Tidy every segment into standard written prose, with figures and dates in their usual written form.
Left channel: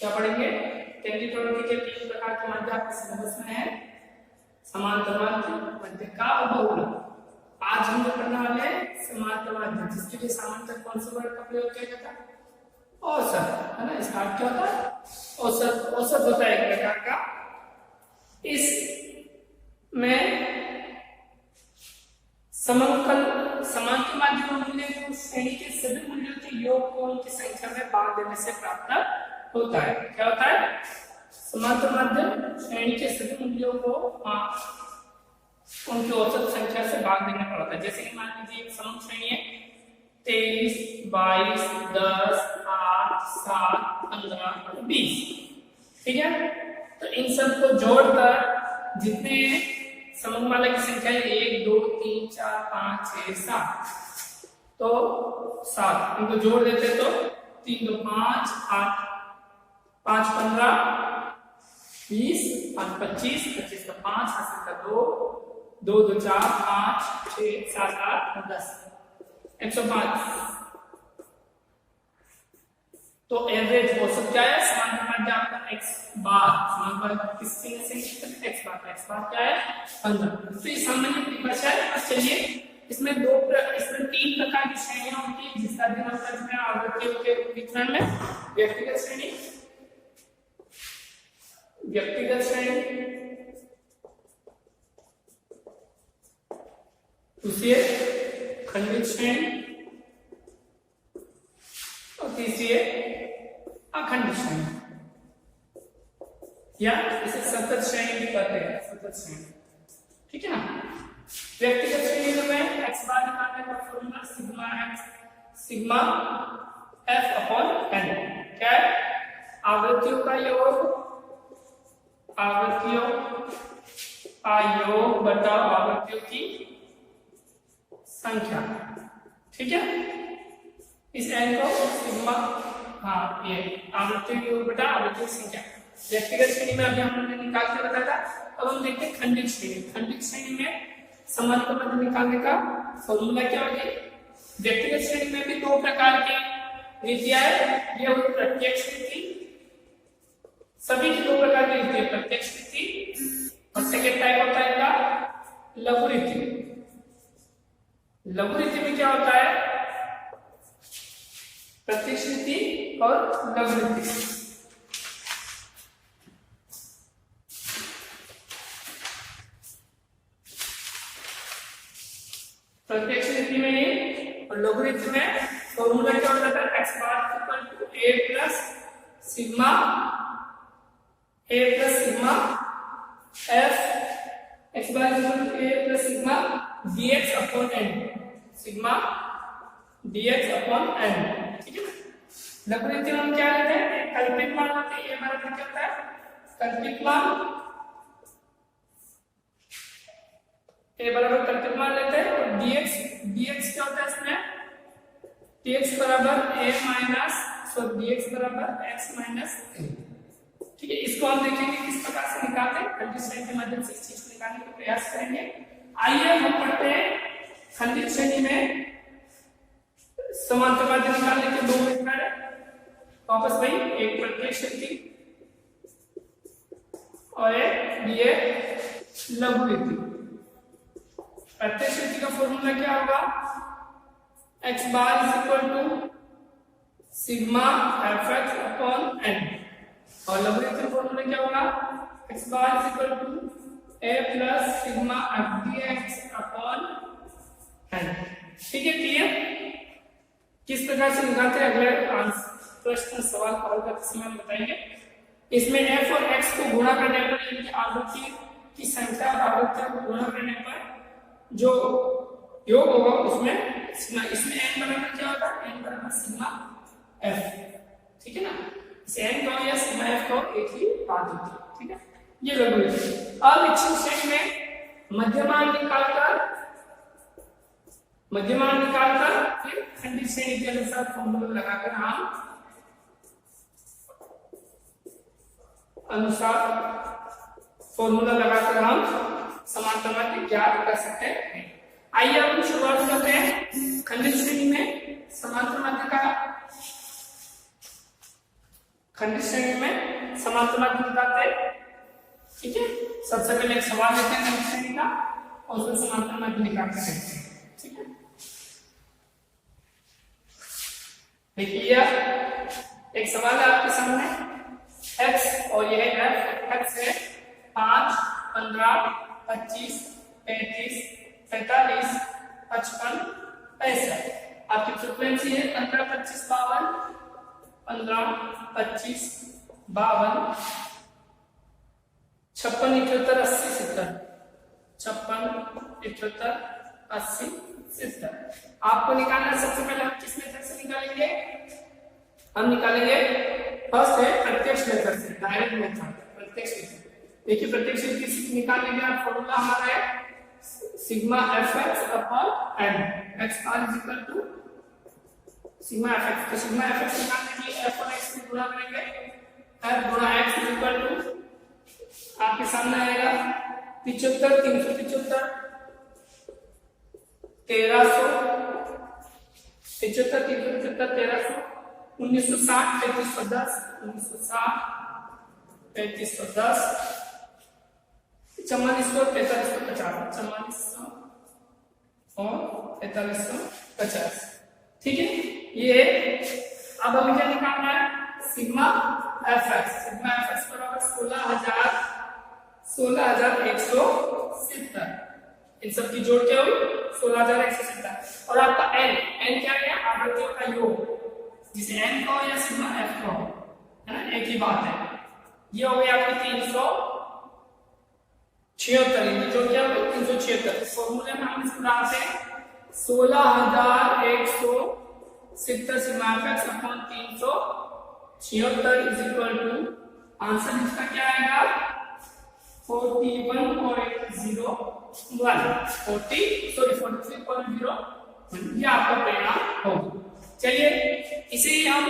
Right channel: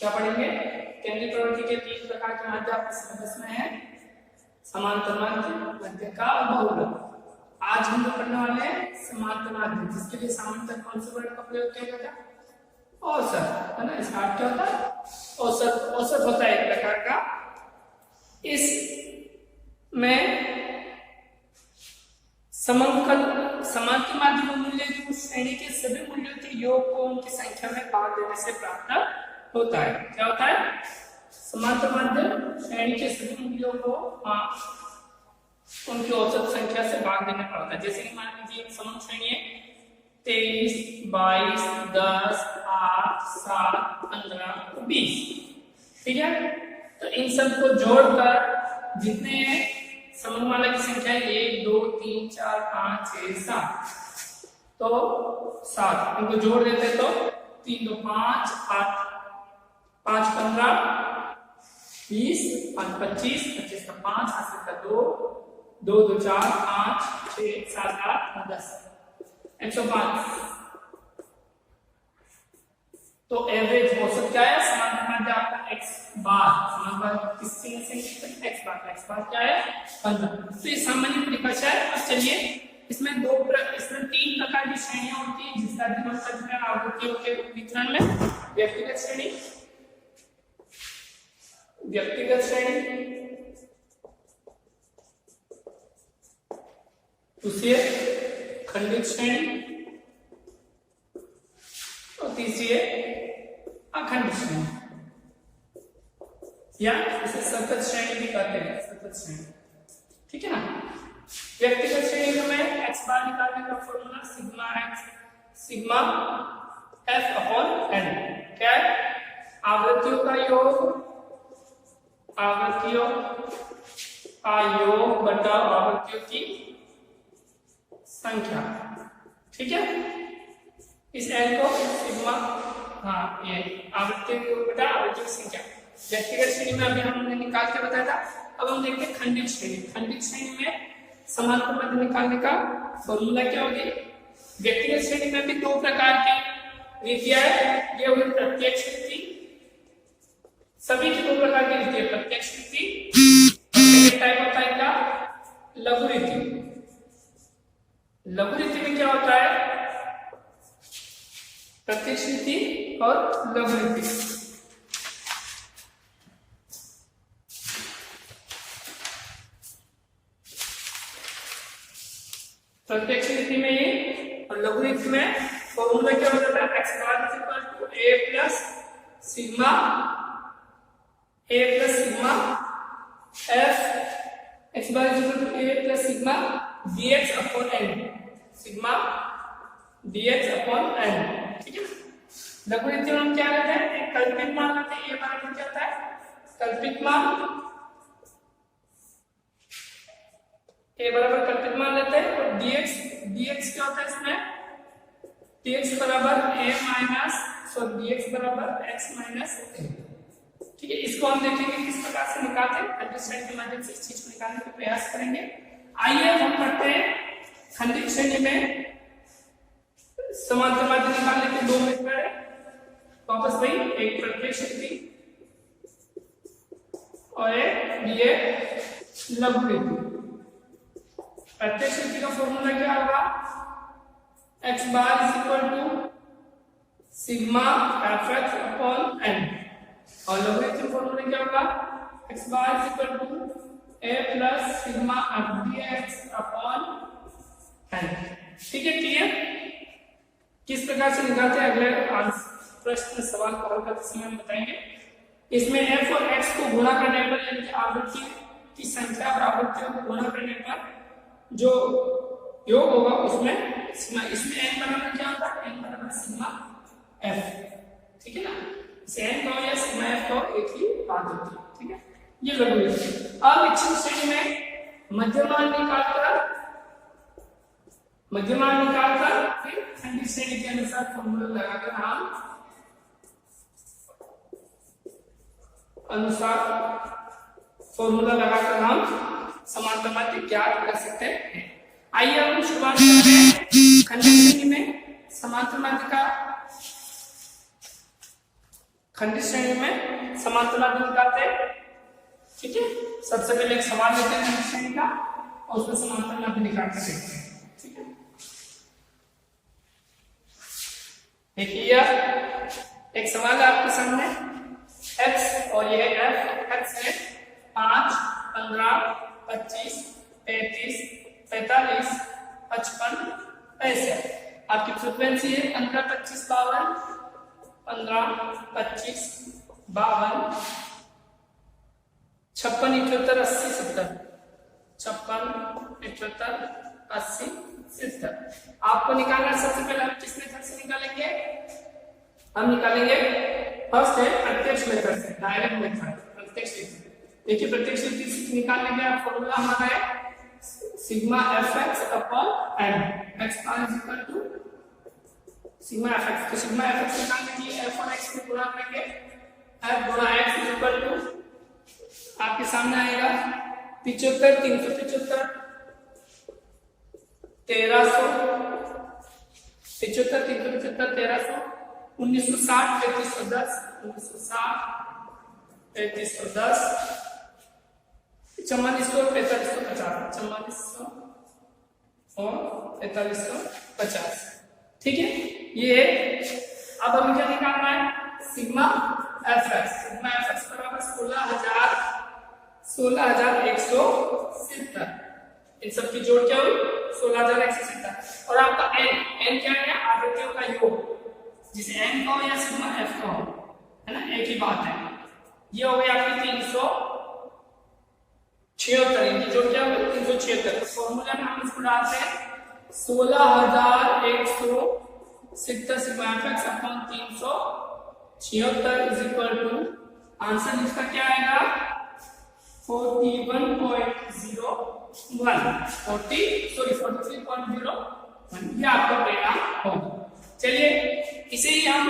क्या पढ़ेंगे? पहली प्रवृत्ति के 3 प्रकार के माध्य आपके सिलेबस में है, समांतर माध्य, मध्यिका और बहुलक। आज हम लोग पढ़ने वाले हैं समांतर माध्य, जिसके लिए समांतर कौन से वर्ड का प्रयोग किया जाता है? औसत, है ना। स्टार्ट क्या होता है? औसत। औसत होता है एक प्रकार का। इसमें समांतर माध्य का मूल्य जो श्रेणी के सभी मूल्यों के योग को उनकी संख्या में भाग देने से प्राप्त होता है। क्या होता है? समांतर माध्य श्रेणी के सभी मूल्यों को उनकी औसत संख्या से भाग देने पर होता है। जैसे मान लीजिए एक समंग श्रेणी है 23, 22, 10, 8, 7, 15, 20, ठीक है। तो इन सब को जोड़कर जितने समंगमाला की संख्या है 1, 2, 3, 4, 5, 6, 7, तो 7 इनको जोड़ देते तो 3, 2, 5, 8, 5, 15, 20, 5, 25, 25 का 5, हासिल का 2, 2, 2, 4, 5, 6, 7, 8, 10, 105। तो एवरेज औसत क्या है? समांतर माध्य आपका x बार, समांतर माध्य किससे x बार का x बार क्या है? 15। तो ये सामान्य परिभाषा है। अब चलिए इसमें 3 प्रकार की श्रेणियां होती है जिसका अध्ययन हम कर चुके हैं आवृत्तियों के वितरण में। व्यक्तिगत श्रेणी, दूसरी खंडित श्रेणी और तीसरी है अखंडित श्रेणी, या इसे सतत श्रेणी भी कहते हैं, सतत श्रेणी, ठीक है ना। व्यक्तिगत श्रेणी में x बार निकालने का formula sigma f upon n क्या है? आवृत्तियों का योग बटा आवृत्तियों की संख्या, ठीक है। इस n को सिग्मा, ये आवृत्तियों की योग बटा आवृत्तियों की संख्या। व्यक्तिगत श्रेणी में अभी हमने निकाल के बताया था। अब हम देखते हैं खंडित श्रेणी। खंडित श्रेणी में समांतर माध्य निकालने का फॉर्मूला क्या होगी? व्यक्तिगत श्रेणी में भी 2 प्रकार की रीतियां है। ये हुई प्रत्यक्ष रीति, सभी की 2 प्रकार की रीति है, प्रत्यक्ष रीति, सेकंड टाइप होता है इनका लघु रीति। लघु रीति में क्या होता है? प्रत्यक्ष रीति और लघु रीति। प्रत्यक्ष रीति में ये और लघु रीति में फॉर्मूला क्या होता था? x bar equal to a plus sigma f, x bar equal to a plus sigma dx upon n, sigma dx upon n, ठीक है। लघु रीति में हम क्या लेते हैं? एक कल्पित मान लेते हैं। ये हमारा क्या होता है? कल्पित मान, a बराबर कल्पित मान लेते हैं और dx क्या होता है इसमें? dx बराबर dx बराबर x माइनस a, ठीक है। इसको हम देखेंगे किस प्रकार से निकालते हैं। खंडित श्रेणी के माध्यम से इस चीज को निकालने का प्रयास करेंगे। आइए हम करते हैं खंडित श्रेणी में समांतर माध्य निकालने के 2 मेथड है। वापस वही, एक प्रत्यक्ष रीति और एक लघु रीति। प्रत्यक्ष रीति का फॉर्मूला क्या होगा? x bar is equal to sigma fx upon n, और लघु रीति का फॉर्मूला क्या होगा? x bar is equal to a plus sigma f dx upon n, ठीक है। क्लियर? किस प्रकार से निकालते हैं अगले प्रश्न सवाल को हल करते समय हम बताएंगे। इसमें f और x को गुणा करने पर, यानी आवृत्ति की संख्या और आवृत्तियों को गुणा करने पर जो योग होगा उसमें सिग्मा, इसमें n बराबर क्या होता है? n बराबर सिग्मा f, ठीक है ना। इसे n कहो या सिग्मा f कहो, एक ही बात होती है, ठीक है। ये लघु रीति। अब इच्छित श्रेणी में मध्यमान निकालकर फिर खंडित श्रेणी के अनुसार फॉर्मूला लगाकर हम समांतर माध्य ज्ञात कर सकते हैं। आइए हम शुरुआत करते हैं खंडित श्रेणी में समांतर माध्य का खंडित श्रेणी में समांतरा भी निकालते हैं। ठीक है, सबसे पहले एक सवाल लेते हैं खंडित श्रेणी का और उसमें समांतरा भी निकाल के देखते हैं। ठीक है, देखिए एक सवाल है आपके सामने, x और यह f, x है 5, 15, 25, 33, 45, 55, 65। आपकी फ्रीक्वेंसी है 15, 25, 52, 15, 25, 52, 56, 78, 80, 70, 56, 78, 80, 70। आपको निकालना है, सबसे पहले हम किस मेथड से निकालेंगे? हम निकालेंगे फर्स्ट है प्रत्यक्ष मेथड से, डायरेक्ट मेथड, प्रत्यक्ष विधि। देखिए प्रत्यक्ष विधि से निकालने का फॉर्मूला हमारा है sigma fx upon n, x bar is equal to sigma fx। तो सिग्मा fx निकालने के लिए f और x को गुणा करेंगे, f गुणा x इज इक्वल टू आपके सामने आएगा 75, 375, 1300, 75, 375, 1300, 1960, 3310, 1960, 3310, 4400, 4550, 4400 और 4550। ठीक है, ये अब हमें क्या निकालना है? Sigma fx। सिग्मा fx बराबर 16,170। इन सब की जोड़ क्या हुई? 16,170। और आपका n क्या है? आवृत्तियों का योग, जिसे n का हो या सिग्मा f का हो, है ना, एक ही बात है। ये हो गया आपकी 376, इनकी जोड़ क्या होगी? 376। तो फॉर्मूला में हम इसको डालते हैं 16,170 sigma fx upon 376 is equal to, answer इसका क्या आएगा? 43.01। ये आपका परिणाम होगा। चलिए इसे ही हम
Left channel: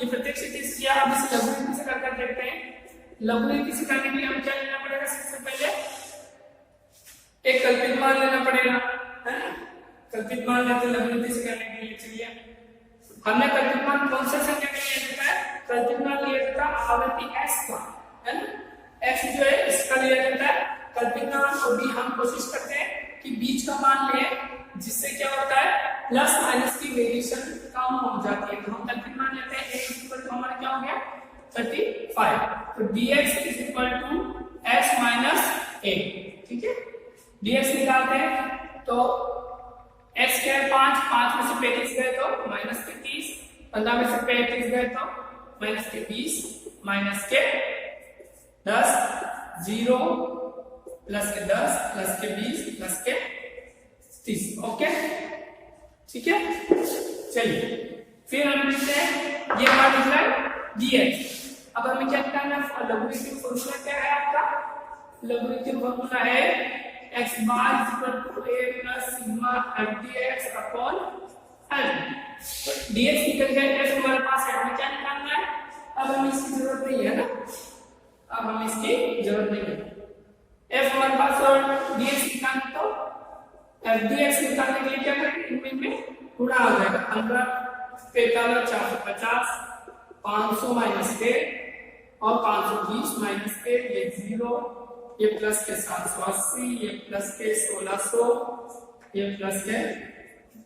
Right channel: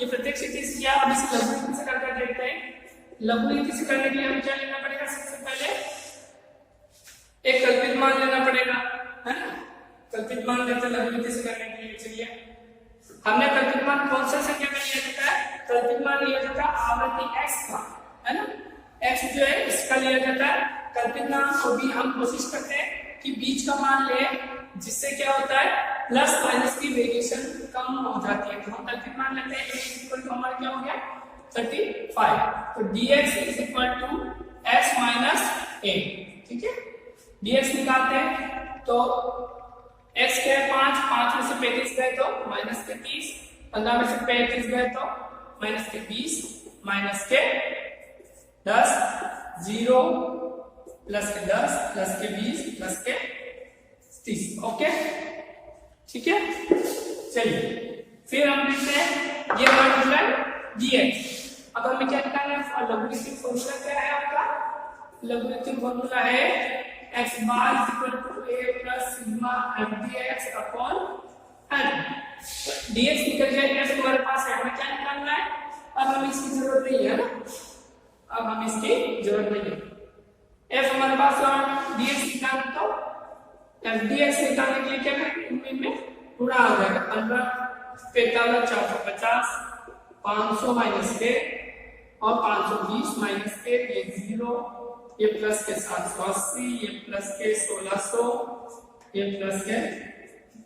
ये प्रत्यक्ष विधि से या अब इसे लघु विधि से करके देखते हैं। लघु विधि से करने के लिए हमें क्या लेना पड़ेगा? सबसे पहले एक कल्पित मान लेना पड़ेगा, है ना। कल्पित मान लेते हैं लघु विधि से करने के लिए। चलिए हमने कल्पित मान कौन सा संख्या का लिया जाता है? कल्पित मान लिया जाता है आवृत्ति x का, है ना। x जो है इसका लिया जाता है कल्पित मान को भी हम कोशिश करते हैं कि बीच का मान ले, जिससे क्या होता है प्लस माइनस की वेरिएशन कम हो जाती है। तो हम कल्पित मान लेते हैं a इक्वल टू हमारा क्या हो गया 35। तो dx is equal to x minus a। ठीक है, dx निकालते हैं तो x के 5 में से 35 गए तो माइनस के 30, 15 में से 35 गए तो माइनस के 20, माइनस के 10, 0 प्लस के 10 प्लस के 20 प्लस के 30। ओके, ठीक है। चलिए फिर हम लिखते हैं ये मान निकला dx। अब हमें क्या निकालना है? लघुगणितीय फॉर्मूला क्या है आपका? लघुगणितीय फॉर्मूला है x bar is equal to a plus sigma f dx upon n। dx निकल गया, f हमारे पास है, हमें क्या निकालना है? अब हमें इसकी जरूरत नहीं है ना, अब हमें इसकी जरूरत नहीं है। f हमारे पास और dx निकालना, तो f dx निकालने के लिए क्या करेंगे? इनमें गुणा हो जाएगा 15, 45, 450, 500 माइनस के और 520 माइनस के, ये 0, ये प्लस के 780, ये प्लस के 1600, ये प्लस के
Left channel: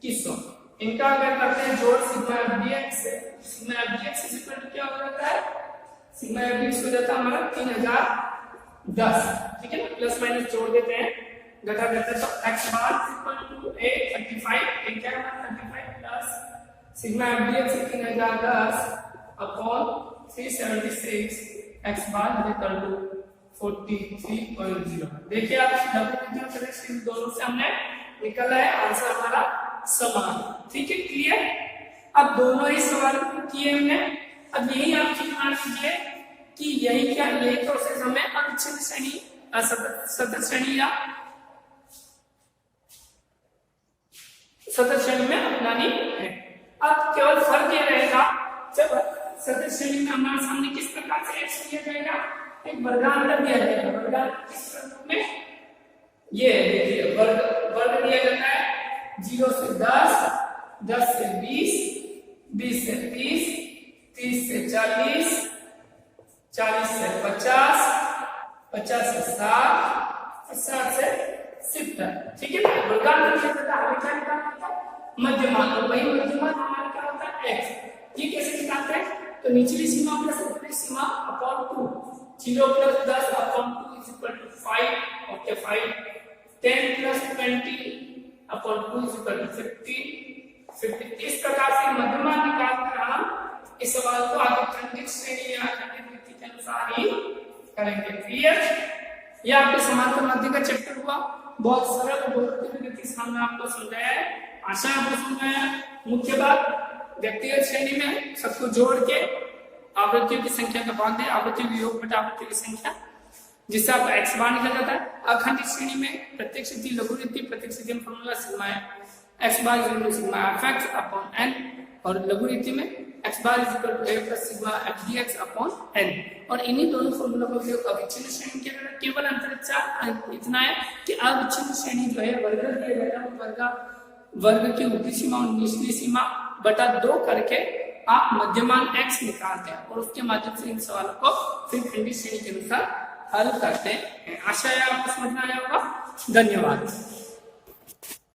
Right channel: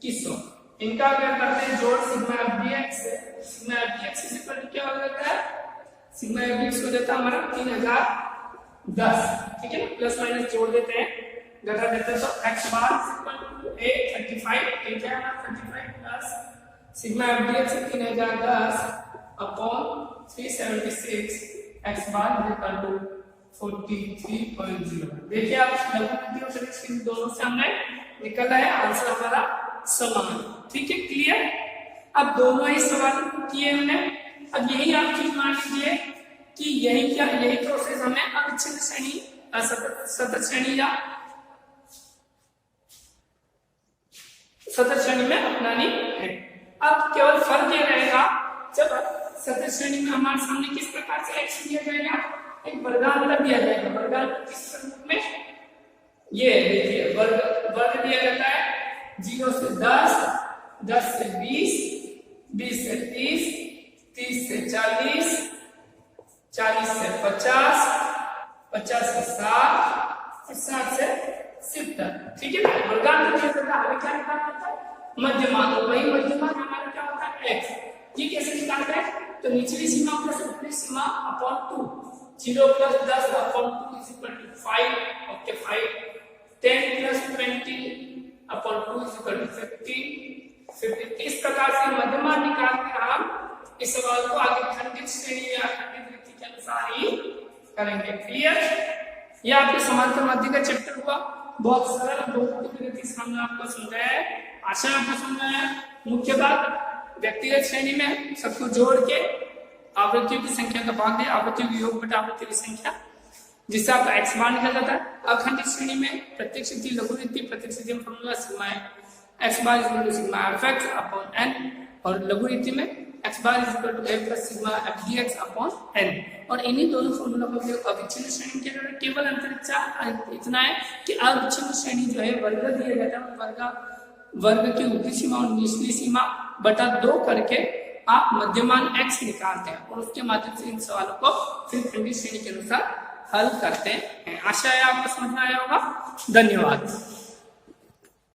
2100। इनका अगर करते हैं जोड़ सिग्मा एफ डी एक्स से, सिग्मा एफ डी एक्स क्या हो जाता है? सिग्मा एफ डी एक्स हो जाता है हमारा 3010। ठीक है ना, प्लस माइनस जोड़ देते हैं, घटा देते हैं, तो X bar equal to a 35, ये क्या है हमारा 35 plus sigma F D X 3010 upon 376, X bar equal to 43.0। देखिए आप लघुगणितीय प्रत्यक्ष दोनों से हमने निकला है आंसर हमारा समान। ठीक है, क्लियर। अब दोनों ही सवाल किए हमने। अब यही आप चीज मान लीजिए कि यही प्रोसेस हमें अविच्छिन्न श्रेणी, सतत श्रेणी या सतत श्रेणी में अपनानी है। अब केवल फर्क यह रहेगा, जब सतत श्रेणी में हमारे सामने किस प्रकार से x दिया जाएगा? एक वर्गांतर दिया जाएगा। वर्गांतर किस रूप में? ये देखिए वर्ग दिया जाता है 0 से 10, 10 से 20, 20 से 30, 30 से 40, 40 से 50, 50 से 60 और 60 से 70। ठीक है ना। वर्गांतर क्षेत्र का हमें क्या निकालना होता है? मध्यमान। और वही मध्यमान हमारा क्या होता है? x। ये कैसे निकालते हैं? तो निचली सीमा प्लस ऊपरी सीमा upon 2, 0 plus 10 upon 2 is equal to 5। Okay 5, 10 plus 20 upon 2 is equal to 50। इस प्रकार से मध्यमान निकाल कर हम इस सवाल को आगे खंडित श्रेणी या खंडित वृत्ति के अनुसार ही करेंगे। क्लियर? ये आपके समांतर मध्य का चैप्टर हुआ। बहुत सरल बहुपदी वृत्ति हमने आपको समझाया है। आशा आपको समझाया है। मुख्य बात, व्यक्तिगत श्रेणी में सबको जोड़ के आवृत्तियों की संख्या का भाग दे, आवृत्ति वियोग बटा आवृत्ति की संख्या, जिससे आपका x बार निकल जाता है। अखंडित श्रेणी में प्रत्येक स्थिति लघु वृत्ति, प्रत्येक स्थिति में फॉर्मूला सिग्मा है, x bar is equal to sigma fx upon n, और लघु वृत्ति में x bar is equal to a plus sigma f dx upon n। और इन्हीं दोनों फॉर्मूला का उपयोग अविच्छिन्न श्रेणी के लिए। केवल अंतर इतना है कि अविच्छिन्न श्रेणी जो है वर्ग दिया जाता है, वर्ग की ऊपरी सीमा और निचली सीमा बटा 2 करके आप मध्यमान x निकालते हैं और उसके माध्यम से इन सवालों को फिर खंडित श्रेणी के अनुसार हल करते हैं। आशा है आपको समझ में आया होगा। धन्यवाद।